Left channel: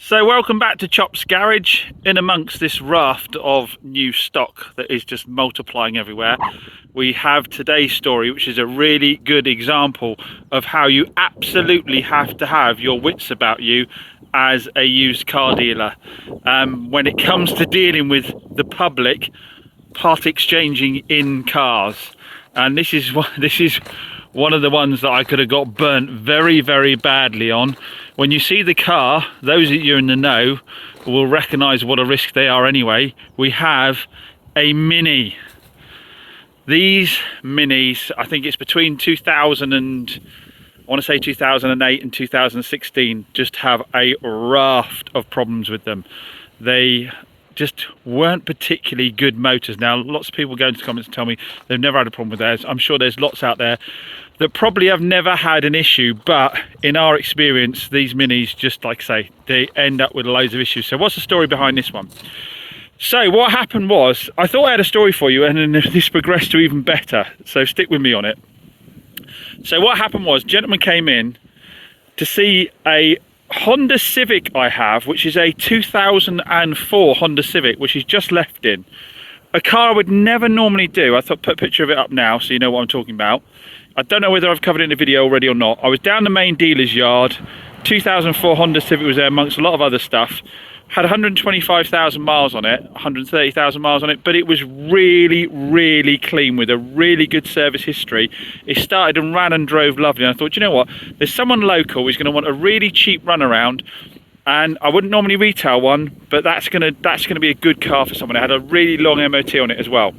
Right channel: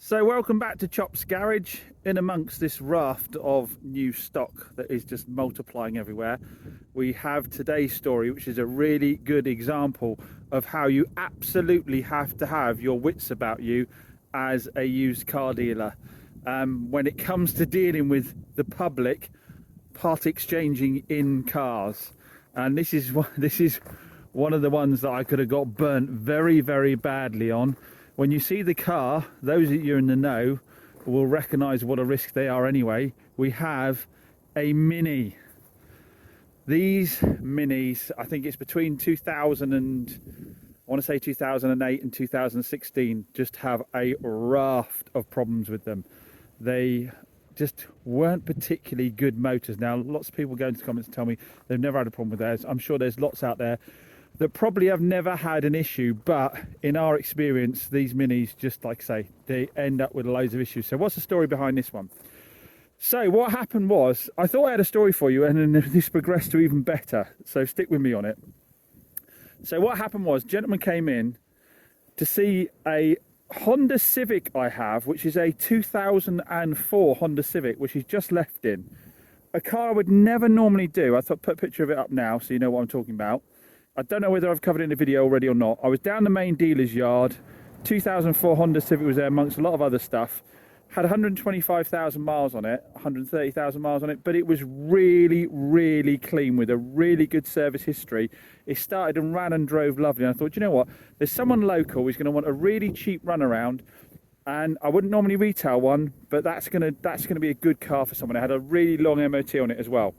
So welcome back to Chop's Garage. In amongst this raft of new stock that is just multiplying everywhere, we have today's story, which is a really good example of how you absolutely have to have your wits about you as a used car dealer when it comes to dealing with the public part exchanging in cars. And this is one of the ones that I could have got burnt very, very badly on. When you see the car, those of you in the know will recognise what a risk they are anyway. We have a Mini. These Minis, I think it's between 2000 and I want to say 2008 and 2016, just have a raft of problems with them. They just weren't particularly good motors. Now, lots of people go into the comments and tell me they've never had a problem with theirs. I'm sure there's lots out there that probably have never had an issue, but in our experience, these Minis, just like I say, they end up with loads of issues. So what's the story behind this one? So what happened was, I thought I had a story for you, and then this progressed to even better, so stick with me on it. So what happened was, a gentleman came in to see a Honda Civic I have, which is a 2004 Honda Civic, which he's just left in. A car I would never normally do. I thought put a picture of it up now so you know what I'm talking about. I don't know whether I've covered it in the video already or not. I was down the main dealer's yard. 2004 Honda Civic was there amongst a lot of other stuff. Had 125,000 miles on it, 130,000 miles on it, but it was really, really clean with a really good service history. It started and ran and drove lovely. And I thought, you know what? There's someone local who's going to want a really cheap runaround, and I wouldn't normally retail one, but that's gonna be a good car for someone. It had a really long MOT on it as well.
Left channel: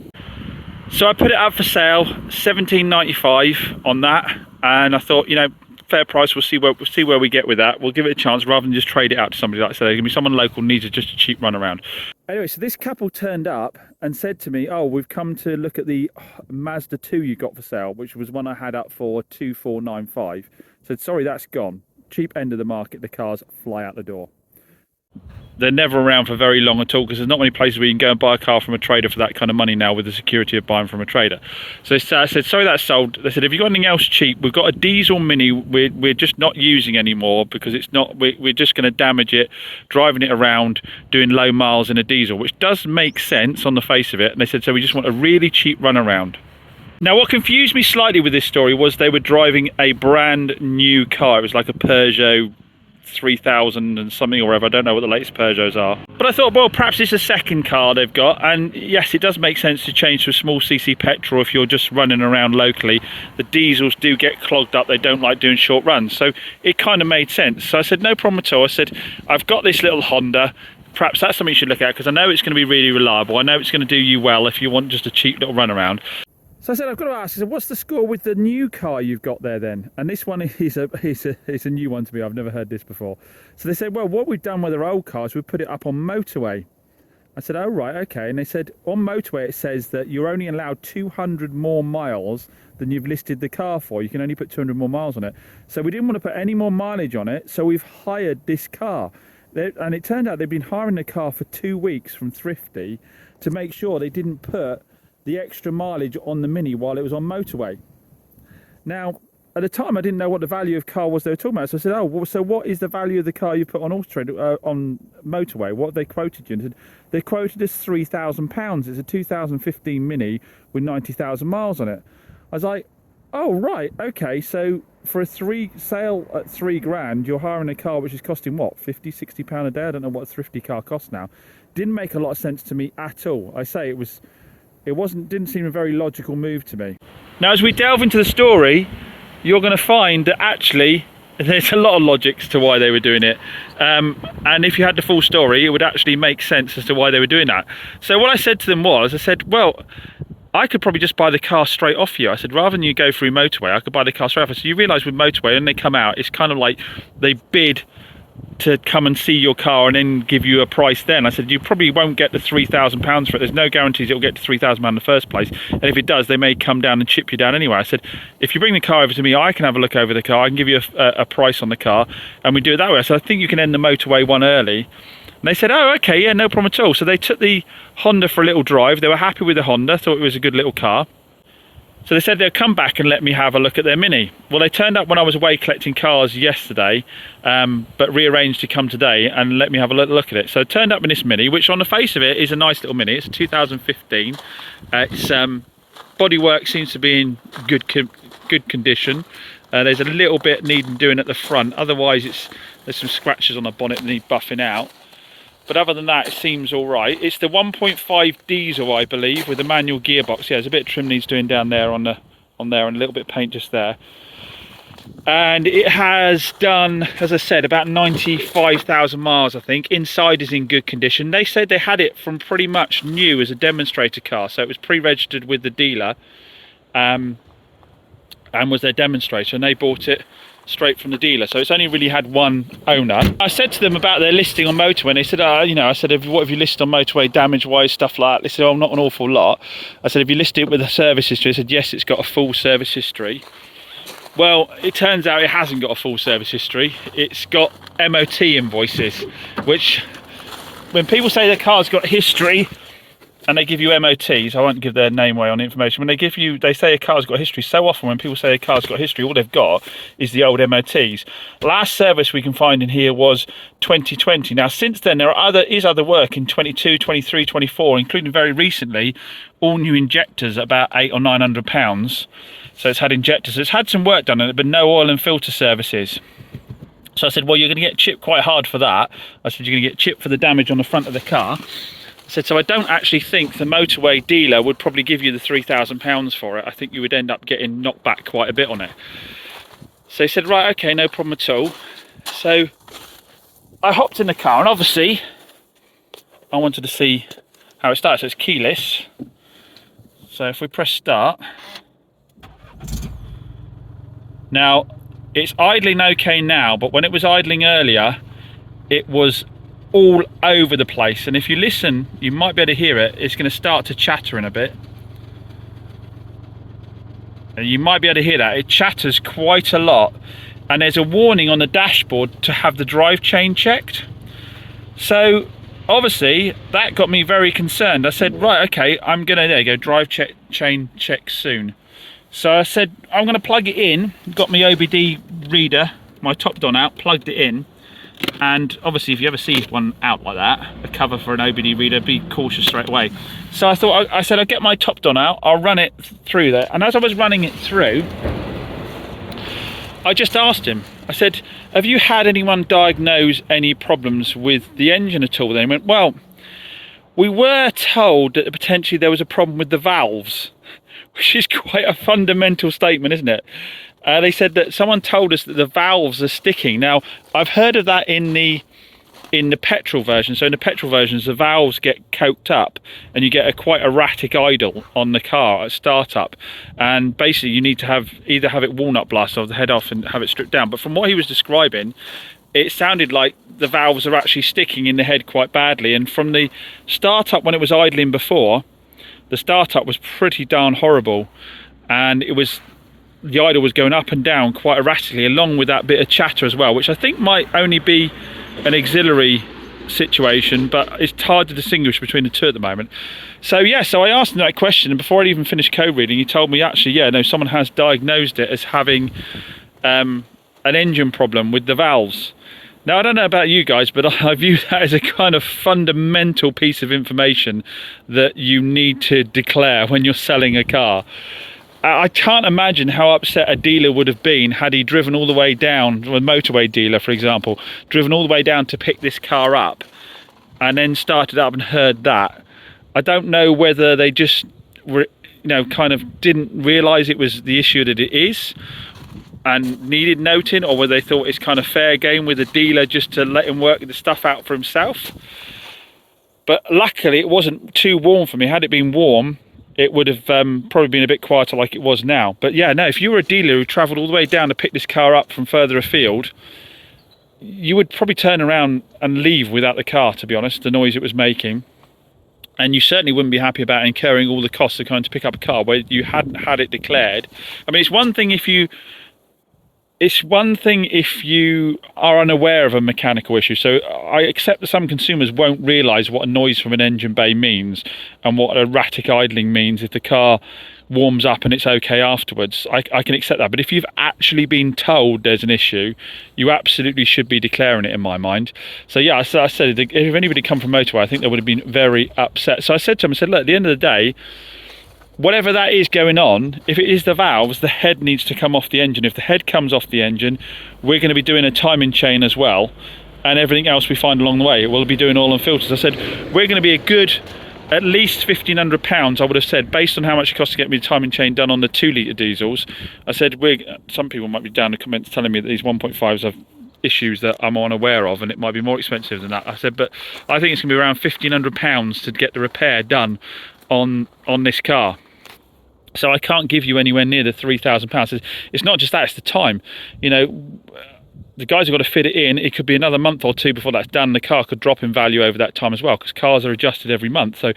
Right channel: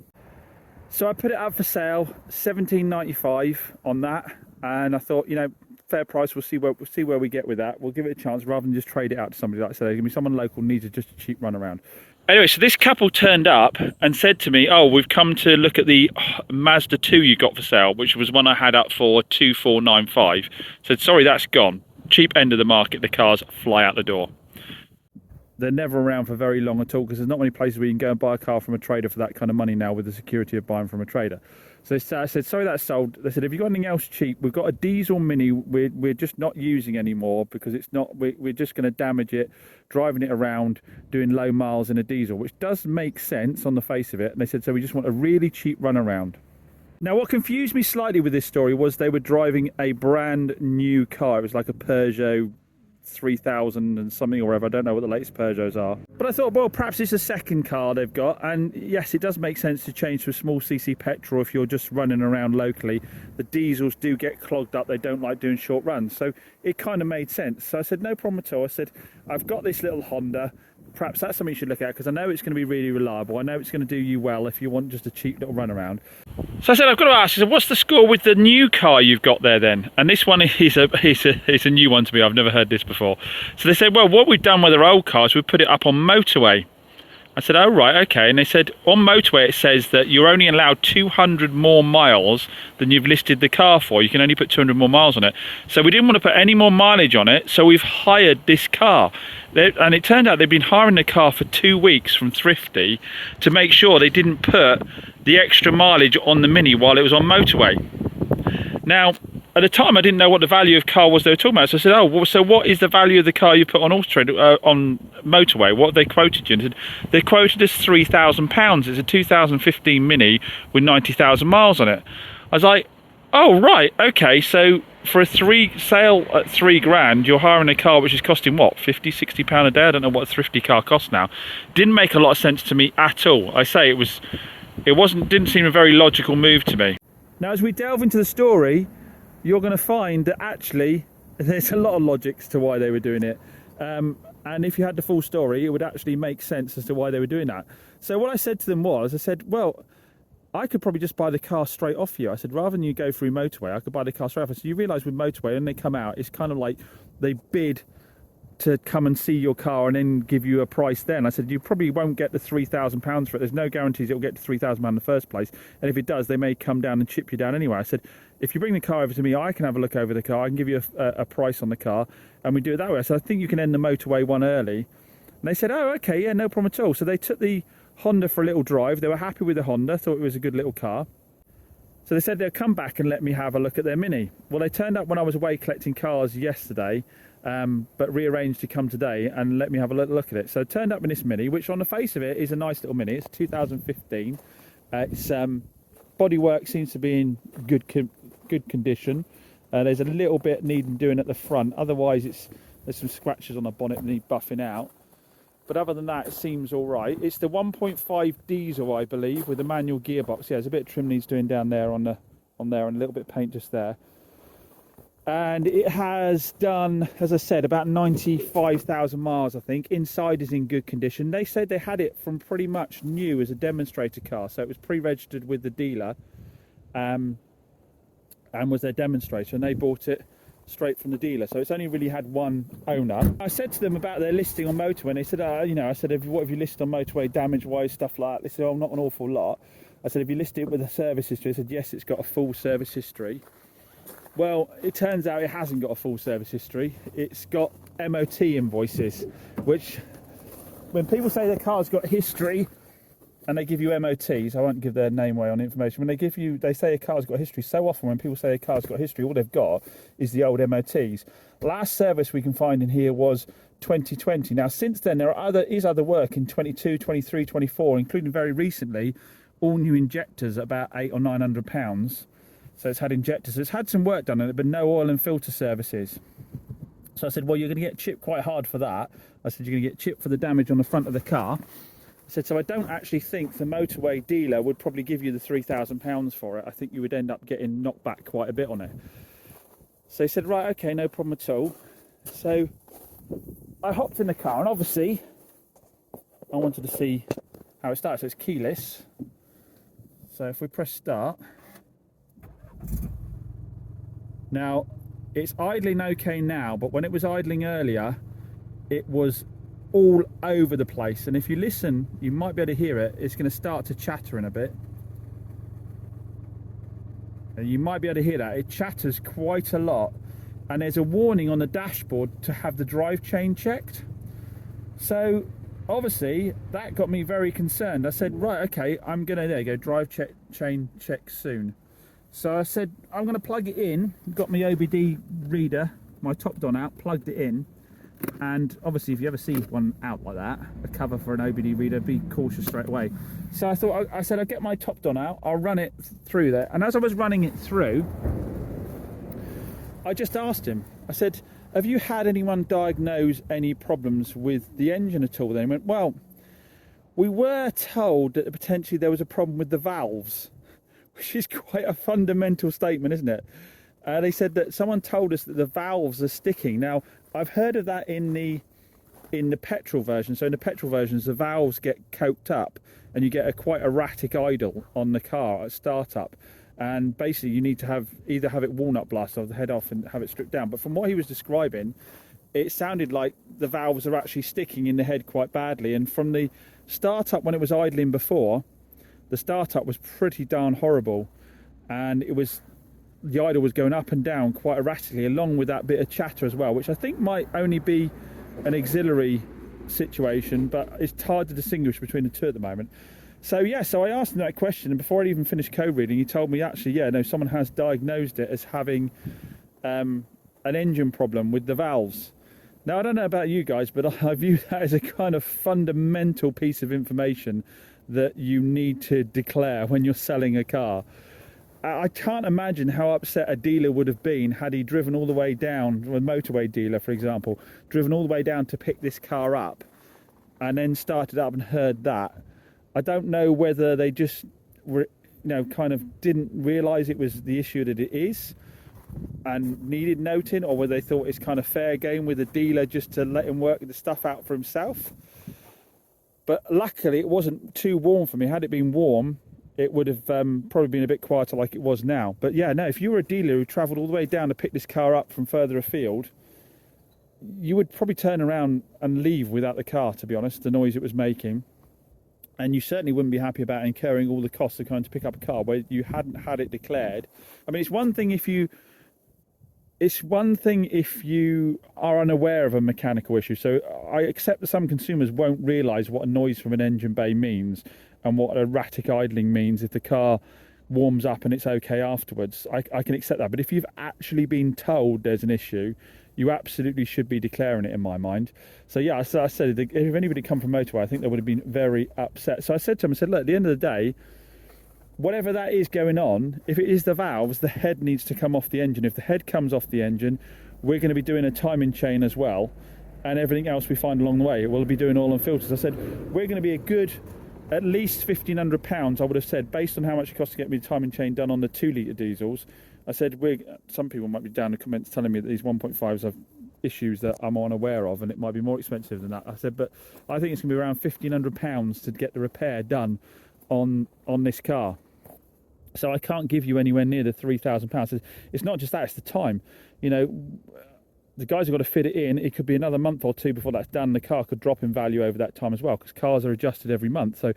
So I put it up for sale, $17.95 on that, and I thought, you know, fair price. We'll see where we get with that. We'll give it a chance rather than just trade it out to somebody. Like I said, there's gonna be someone local needs just a cheap runaround. Anyway, so this couple turned up and said to me, "Oh, we've come to look at the Mazda 2 you got for sale, which was one I had up for 2495." Said, "Sorry, that's gone. Cheap end of the market. The cars fly out the door." They're never around for very long at all, because there's not many places where you can go and buy a car from a trader for that kind of money now, with the security of buying from a trader. So I said, "Sorry, that's sold." They said, "Have you got anything else cheap? We've got a diesel Mini we're just not using anymore because it's not, we're just going to damage it driving it around doing low miles in a diesel," which does make sense on the face of it. And they said, "So we just want a really cheap runaround." Now, what confused me slightly with this story was they were driving a brand new car. It was like a Peugeot 3000 and something or whatever. I don't know what the latest Peugeots are, but I thought, well, perhaps it's a second car they've got. And yes, it does make sense to change to a small cc petrol if you're just running around locally. The diesels do get clogged up, they don't like doing short runs, so it kind of made sense. So I said, no problem at all. I said, I've got this little Honda, perhaps that's something you should look at, because I know it's going to be really reliable. I know it's going to do you well if you want just a cheap little runaround. So I said, I've got to ask, I said, what's the score with the new car you've got there then? And this one is a new one to me. I've never heard this before. So they said, well, what we've done with our old cars, we've put it up on motorway. I said, oh, right, okay. And they said, on motorway, it says that you're only allowed 200 more miles than you've listed the car for. You can only put 200 more miles on it. So we didn't want to put any more mileage on it, so we've hired this car. And it turned out they'd been hiring the car for 2 weeks from Thrifty to make sure they didn't put the extra mileage on the Mini while it was on motorway. Now, at the time, I didn't know what the value of car was they were talking about. So I said, oh, well, so what is the value of the car you put on Auto Trader, on motorway? What have they quoted you? And they said, they quoted us £3,000. It's a 2015 Mini with 90,000 miles on it. I was like, oh, right, okay. So for a sale at 3 grand, you're hiring a car which is costing what, 50, 60 pound a day? I don't know what a thrifty car costs now. Didn't make a lot of sense to me at all. I say didn't seem a very logical move to me. Now, as we delve into the story, you're going to find that actually there's a lot of logics to why they were doing it, and if you had the full story, it would actually make sense as to why they were doing that. So what I said to them was, I said, well, I could probably just buy the car straight off you. I said, rather than you go through motorway, I could buy the car straight off. So you realise with motorway, when they come out, it's kind of like they bid to come and see your car and then give you a price then. I said, you probably won't get the £3,000 for it. There's no guarantees it'll get to £3,000 in the first place. And if it does, they may come down and chip you down anyway. I said, if you bring the car over to me, I can have a look over the car. I can give you a price on the car, and we do it that way. So I think you can end the motorway one early. And they said, oh, okay, yeah, no problem at all. So they took the Honda for a little drive. They were happy with the Honda, thought it was a good little car. So they said they'll come back and let me have a look at their Mini. Well, they turned up when I was away collecting cars yesterday, but rearranged to come today and let me have a look at it. So it turned up in this Mini, which on the face of it is a nice little Mini. It's a 2015. It's bodywork seems to be in good condition. There's a little bit needing doing at the front. Otherwise, there's some scratches on the bonnet that need buffing out. But other than that, it seems all right. It's the 1.5 diesel, I believe, with a manual gearbox. Yeah, there's a bit of trim needs doing down there on there, and a little bit of paint just there. And it has done, as I said, about 95,000 miles, I think. Inside is in good condition. They said they had it from pretty much new as a demonstrator car, so it was pre-registered with the dealer, and was their demonstrator, and they bought it straight from the dealer, so it's only really had one owner. I said to them about their listing on Motorway, and they said, I said, what have you listed on Motorway, damage-wise, stuff like that? They said, oh, not an awful lot. I said, have you listed it with a service history? They said, yes, it's got a full service history. Well, it turns out it hasn't got a full service history. It's got MOT invoices, which, when people say their car's got history, and they give you MOTs, I won't give their name away on the information, when they say a car's got history, so often when people say a car's got history, all they've got is the old MOTs. Last service we can find in here was 2020. Now, since then, there is other work in 22, 23, 24, including very recently, all new injectors at about £800 or £900. So it's had injectors. It's had some work done on it, but no oil and filter services. So I said, well, you're going to get chipped quite hard for that. I said, you're going to get chipped for the damage on the front of the car. I said, so I don't actually think the Motorway dealer would probably give you the £3,000 for it. I think you would end up getting knocked back quite a bit on it. So he said, right, okay, no problem at all. So I hopped in the car, and obviously I wanted to see how it starts. So it's keyless. So if we press start. Now, it's idling okay now, but when it was idling earlier, it was all over the place, and if you listen, you might be able to hear it. It's going to start to chatter in a bit, and you might be able to hear that. It chatters quite a lot, and there's a warning on the dashboard to have the drive chain checked. So obviously that got me very concerned. I said, right, okay, I'm gonna, there you go, drive chain check soon. So I said, I'm gonna plug it in, got my OBD reader, my top don out, plugged it in. And obviously, if you ever see one out like that, a cover for an OBD reader, be cautious straight away. So I thought, I said, I'll get my top don out, I'll run it through there. And as I was running it through, I just asked him, I said, have you had anyone diagnose any problems with the engine at all? Then he went, well, we were told that potentially there was a problem with the valves, which is quite a fundamental statement, isn't it? They said that someone told us that the valves are sticking. Now, I've heard of that in the petrol version. So in the petrol versions, the valves get coked up and you get a quite erratic idle on the car at startup. And basically you need to either have it walnut blast or the head off and have it stripped down. But from what he was describing, it sounded like the valves are actually sticking in the head quite badly. And from the startup when it was idling before, the startup was pretty darn horrible. And the idle was going up and down quite erratically, along with that bit of chatter as well, which I think might only be an auxiliary situation, but it's hard to distinguish between the two at the moment. So yeah, so I asked him that question, and before I'd even finished code reading, he told me actually, yeah, no, someone has diagnosed it as having an engine problem with the valves. Now, I don't know about you guys, but I view that as a kind of fundamental piece of information that you need to declare when you're selling a car. I can't imagine how upset a dealer would have been had he driven all the way down, a Motorway dealer, for example, driven all the way down to pick this car up and then started up and heard that. I don't know whether they just, kind of didn't realise it was the issue that it is and needed noting, or whether they thought it's kind of fair game with the dealer just to let him work the stuff out for himself. But luckily it wasn't too warm for me. Had it been warm, it would have probably been a bit quieter like it was now. But yeah, no, if you were a dealer who travelled all the way down to pick this car up from further afield, you would probably turn around and leave without the car, to be honest, the noise it was making. And you certainly wouldn't be happy about incurring all the costs of going to pick up a car where you hadn't had it declared. I mean, it's one thing if you are unaware of a mechanical issue. So I accept that some consumers won't realise what a noise from an engine bay means and what erratic idling means if the car warms up and it's okay afterwards, I can accept that. But if you've actually been told there's an issue, you absolutely should be declaring it, in my mind. So yeah, I said if anybody come from motorway, I think they would have been very upset. So I said to him, I said, look, at the end of the day, whatever that is going on, if it is the valves, the head needs to come off the engine. If the head comes off the engine, we're going to be doing a timing chain as well, and everything else we find along the way, we'll be doing oil and filters. I said, we're going to be a good at least £1,500, I would have said, based on how much it costs to get me the timing chain done on the 2-litre diesels. I said, some people might be down in the comments telling me that these 1.5s have issues that I'm unaware of, and it might be more expensive than that. I said, but I think it's going to be around £1,500 to get the repair done on this car. So I can't give you anywhere near the £3,000. It's not just that, it's the time. You know, the guys have got to fit it in. It could be another month or two before that's done. The car could drop in value over that time as well, because cars are adjusted every month. So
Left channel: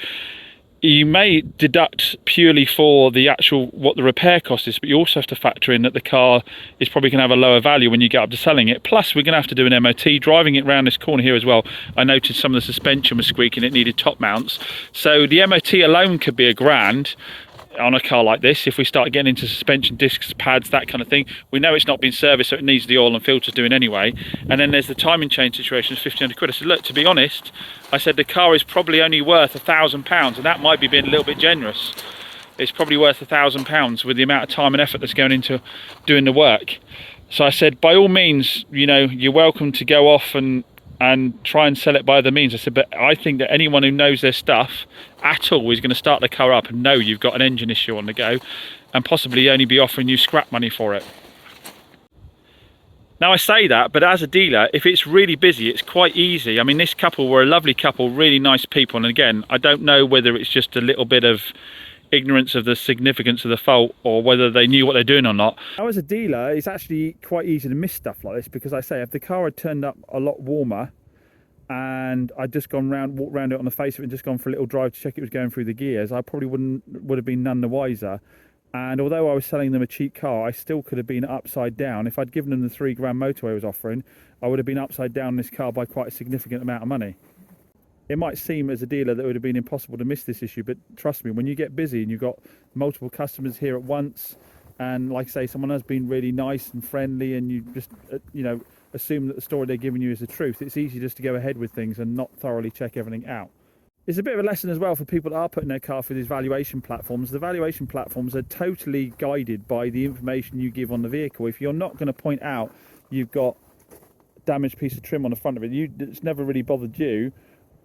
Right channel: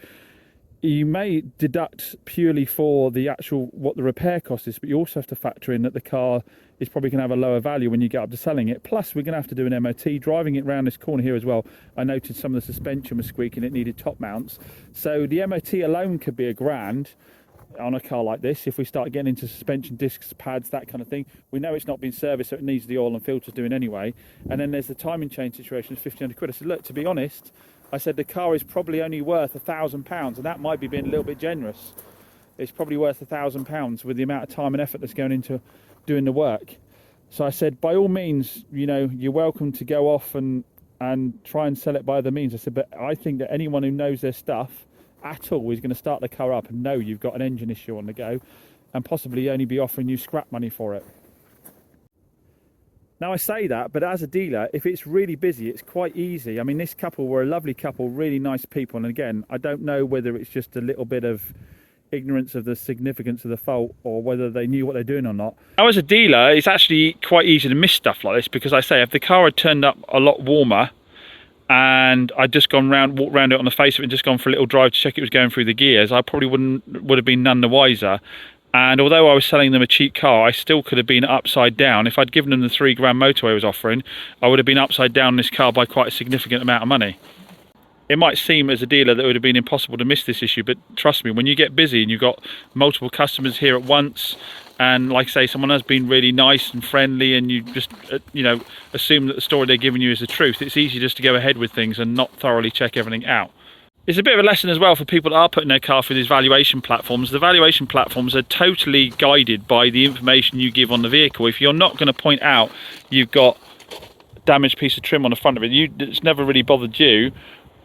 you may deduct purely for the actual what the repair cost is, but you also have to factor in that the car is probably going to have a lower value when you get up to selling it. Plus we're going to have to do an MOT. Driving it around this corner here as well, I noticed some of the suspension was squeaking. It needed top mounts, so the MOT alone could be £1,000 on a car like this. If we start getting into suspension discs, pads, that kind of thing, we know it's not been serviced, so it needs the oil and filters doing anyway. And then there's the timing chain situation, it's £1,500. I said, look, to be honest, I said the car is probably only worth £1,000, and that might be being a little bit generous. It's probably worth £1,000 with the amount of time and effort that's going into doing the work. So I said, by all means, you know, you're welcome to go off and try and sell it by other means. I said, but I think that anyone who knows their stuff at all is going to start the car up and know you've got an engine issue on the go, and possibly only be offering you scrap money for it. Now I say that, but as a dealer, if it's really busy, it's quite easy. I mean, this couple were a lovely couple, really nice people, and again, I don't know whether it's just a little bit of ignorance of the significance of the fault or whether they knew what they're doing or not. Now as a dealer, it's actually quite easy to miss stuff like this, because I say if the car had turned up a lot warmer and I'd just walked around it on the face of it and just gone for a little drive to check it was going through the gears, I probably would have been none the wiser. And although I was selling them a cheap car, I still could have been upside down. If I'd given them the £3,000 motorway was offering, I would have been upside down in this car by quite a significant amount of money. It might seem as a dealer that it would have been impossible to miss this issue, but trust me, when you get busy and you've got multiple customers here at once, and like I say, someone has been really nice and friendly, and you just you know, assume that the story they're giving you is the truth, it's easy just to go ahead with things and not thoroughly check everything out. It's a bit of a lesson as well for people that are putting their car through these valuation platforms. The valuation platforms are totally guided by the information you give on the vehicle. If you're not going to point out you've got a damaged piece of trim on the front of it, it's never really bothered you,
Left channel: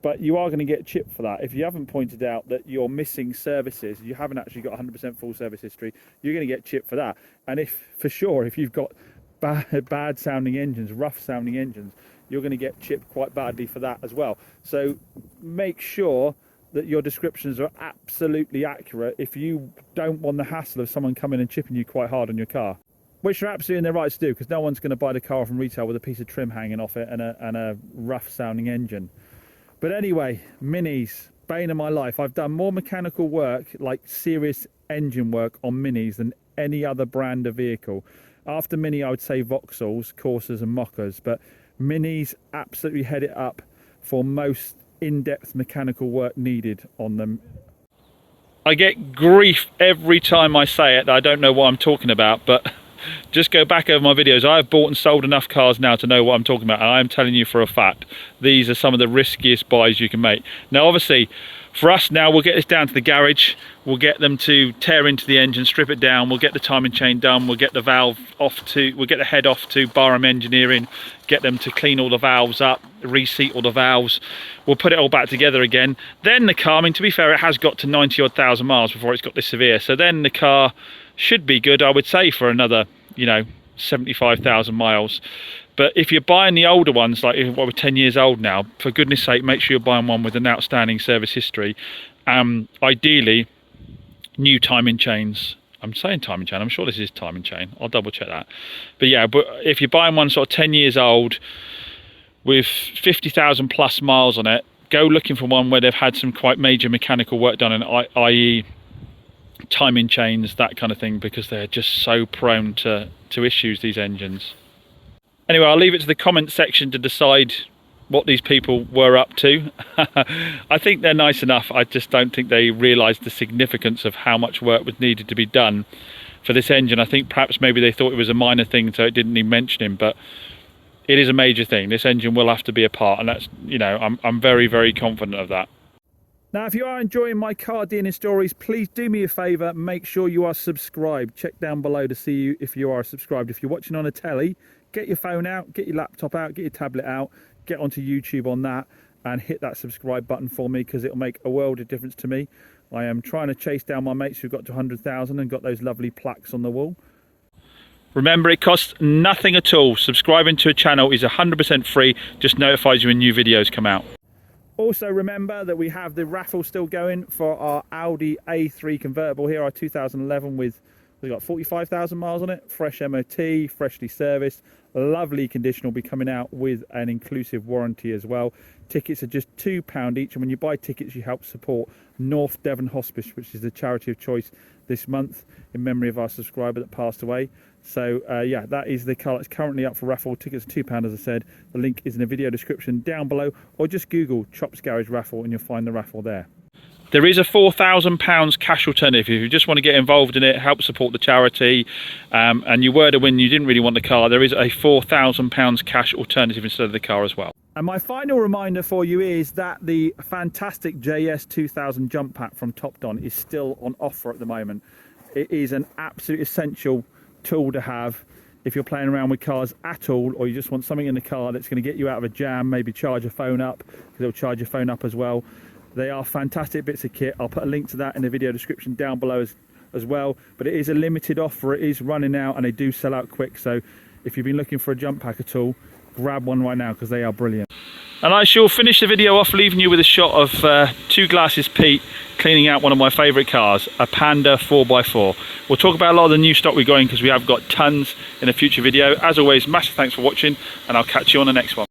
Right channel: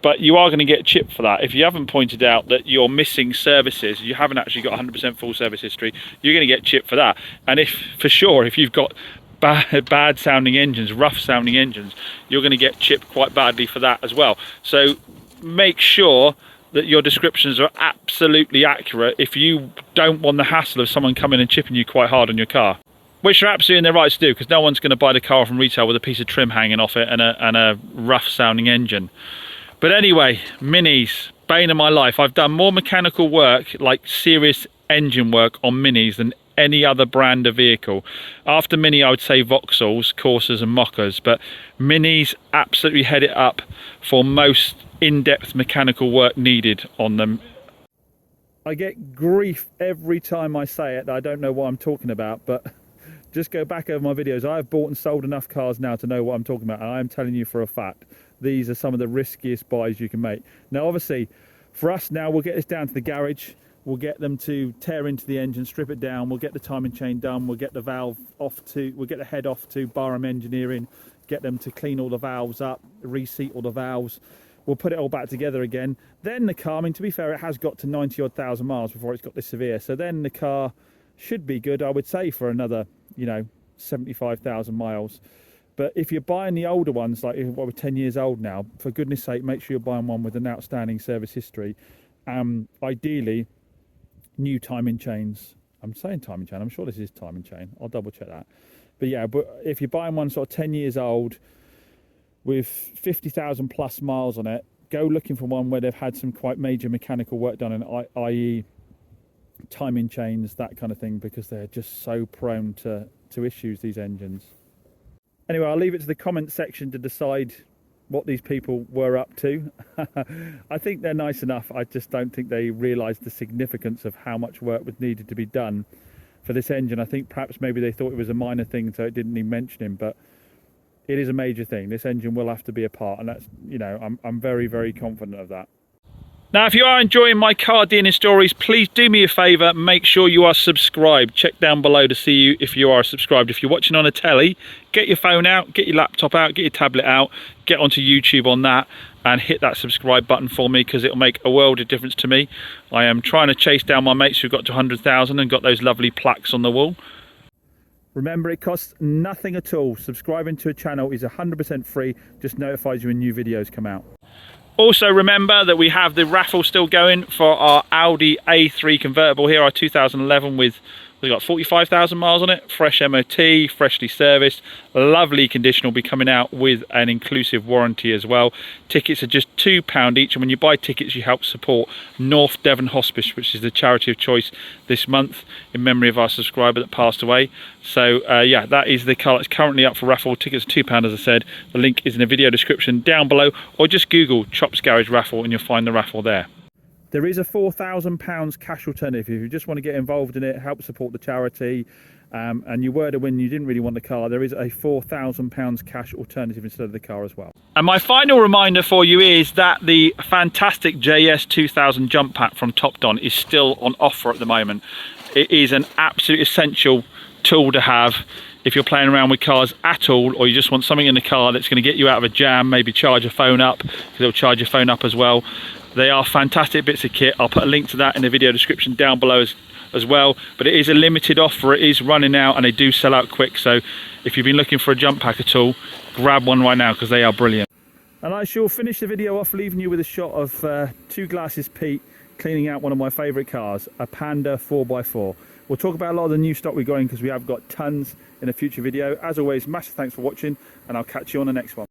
but you are going to get chipped for that. If you haven't pointed out that you're missing services, you haven't actually got 100% full service history, you're going to get chipped for that. And if you've got bad sounding engines, rough sounding engines, you're going to get chipped quite badly for that as well. So make sure that your descriptions are absolutely accurate if you don't want the hassle of someone coming and chipping you quite hard on your car, which are absolutely in their rights to do, because no one's going to buy the car from retail with a piece of trim hanging off it and a rough sounding engine. But anyway, Minis, bane of my life. I've done more mechanical work, like serious engine work on Minis, than any other brand of vehicle. After Mini, I would say Vauxhalls, Corsas and Mockers, but Minis absolutely head it up for most in-depth mechanical work needed on them. I get grief every time I say it that I don't know what I'm talking about, but just go back over my videos. I have bought and sold enough cars now to know what I'm talking about, and I am telling you for a fact, these are some of the riskiest buys you can make. Now obviously, for us now, we'll get this down to the garage, we'll get them to tear into the engine, strip it down, we'll get the timing chain done, we'll get the we'll get the head off to Barham Engineering, get them to clean all the valves up, reseat all the valves, we'll put it all back together again. Then the car, I mean, to be fair, it has got to 90 odd thousand miles before it's got this severe, so then the car should be good, I would say, for another, you know, 75,000 miles. But if you're buying the older ones, like what we're 10 years old now, for goodness sake, make sure you're buying one with an outstanding service history. Ideally, new timing chains. I'm saying timing chain, I'm sure this is timing chain, I'll double check that. But yeah, but if you're buying one sort of 10 years old with 50,000 plus miles on it, go looking for one where they've had some quite major mechanical work done, i.e. timing chains, that kind of thing, because they're just so prone to issues, these engines. Anyway, I'll leave it to the comment section to decide what these people were up to. I think they're nice enough. I just don't think they realised the significance of how much work was needed to be done for this engine. I think perhaps maybe they thought it was a minor thing, so it didn't even mention him, but it is a major thing. This engine will have to be apart, and that's, you know, I'm very, very confident of that. Now, if you are enjoying my car DNA stories, please do me a favour, make sure you are subscribed. Check down below to see if you are subscribed. If you're watching on a telly, get your phone out, get your laptop out, get your tablet out, get onto YouTube on that and hit that subscribe button for me, because it'll make a world of difference to me. I am trying to chase down my mates who got to 100,000 and got those lovely plaques on the wall. Remember, it costs nothing at all. Subscribing to a channel is 100% free, just notifies you when new videos come out. Also remember that we have the raffle still going for our Audi A3 convertible here, our 2011 with, we've got 45,000 miles on it, fresh MOT, freshly serviced, lovely condition. Will be coming out with an inclusive warranty as well. Tickets are just £2 each, and when you buy tickets you help support North Devon Hospice, which is the charity of choice this month in memory of our subscriber that passed away. So yeah, that is the car that's currently up for raffle. Tickets are £2, as I said. The link is in the video description down below, or just Google Chops Garage raffle and you'll find the raffle there. There is a £4,000 cash alternative if you just want to get involved in it, help support the charity, and you were to win, you didn't really want the car. There is a £4,000 cash alternative instead of the car as well. And my final reminder for you is that the fantastic JS 2000 jump pack from Topdon is still on offer at the moment. It is an absolute essential tool to have if you're playing around with cars at all, or you just want something in the car that's going to get you out of a jam, maybe charge your phone up, because it'll charge your phone up as well. They are fantastic bits of kit. I'll put a link to that in the video description down below as well. But it is a limited offer. It is running out and they do sell out quick. So if you've been looking for a jump pack at all, grab one right now, because they are brilliant. And I shall finish the video off leaving you with a shot of Two Glasses Pete cleaning out one of my favourite cars, a Panda 4x4. We'll talk about a lot of the new stock we're going, because we have got tons in a future video. As always, massive thanks for watching, and I'll catch you on the next one.